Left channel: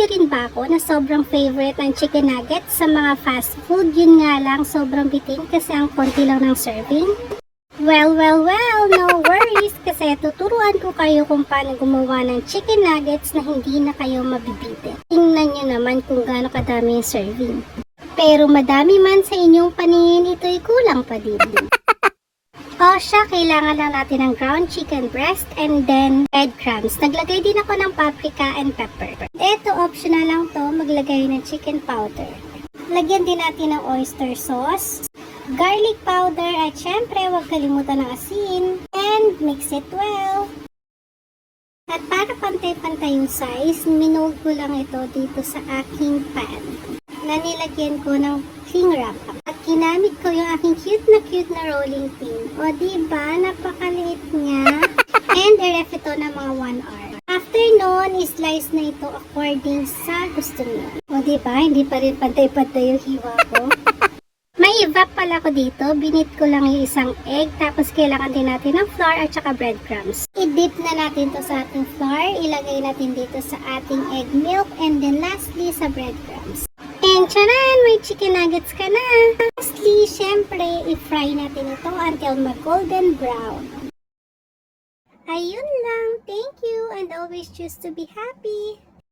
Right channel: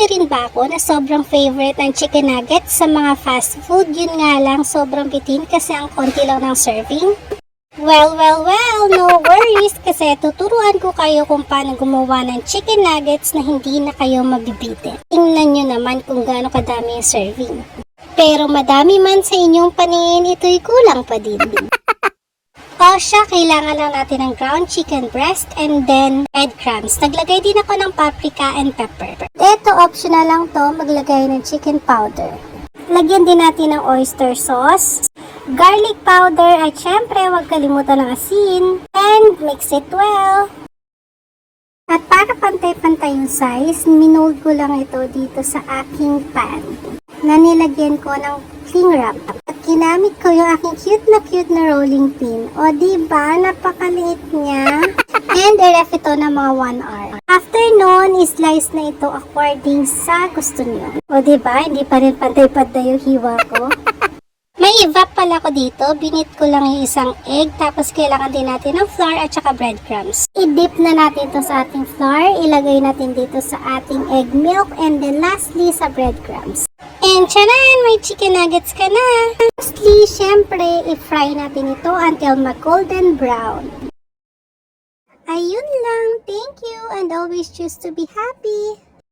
niyo rin ba ako na sobrang favorite ng chicken nuggets sa mga fast food? Yun nga lang, sobrang bitin kasi ang konti lang ng serving. Well, no worries kasi tuturuan ko kayo kung paano gumawa ng chicken nuggets na hindi na kayo mabibitin. Tingnan nyo naman kung gaano kadami yung serving. Pero madami man sa inyong paningin, ito'y kulang pa din. O siya, kailangan lang natin ng ground chicken breast and then breadcrumbs. Naglagay din ako ng paprika and pepper. Ito, optional lang to, maglagay ng chicken powder. Lagyan din natin ng oyster sauce, garlic powder, at syempre, huwag kalimutan ng asin. And mix it well. At para pantay-pantay yung size, minold ko lang ito dito sa aking pan na nilagyan ko ng cling wrap. At ginamit ko yung aking cute na rolling pin. O diba, napakaliit niya. And i-ref ito na mga 1 hour. After nun, slice na ito according sa gusto niyo. O diba, hindi pa rin pantay-pantay yung hiwa ko. May evap pala ko dito. Binit ko lang yung isang egg. Tapos kailangan din natin ng flour at saka breadcrumbs. I-dip na natin to sa ating flour. Ilagay natin dito sa ating egg milk. And then lastly sa breadcrumbs. And charan! May chicken nuggets ka na! Lastly, syempre, i-fry natin ito until mag-golden brown. Ayun lang. Thank you and always choose to be happy.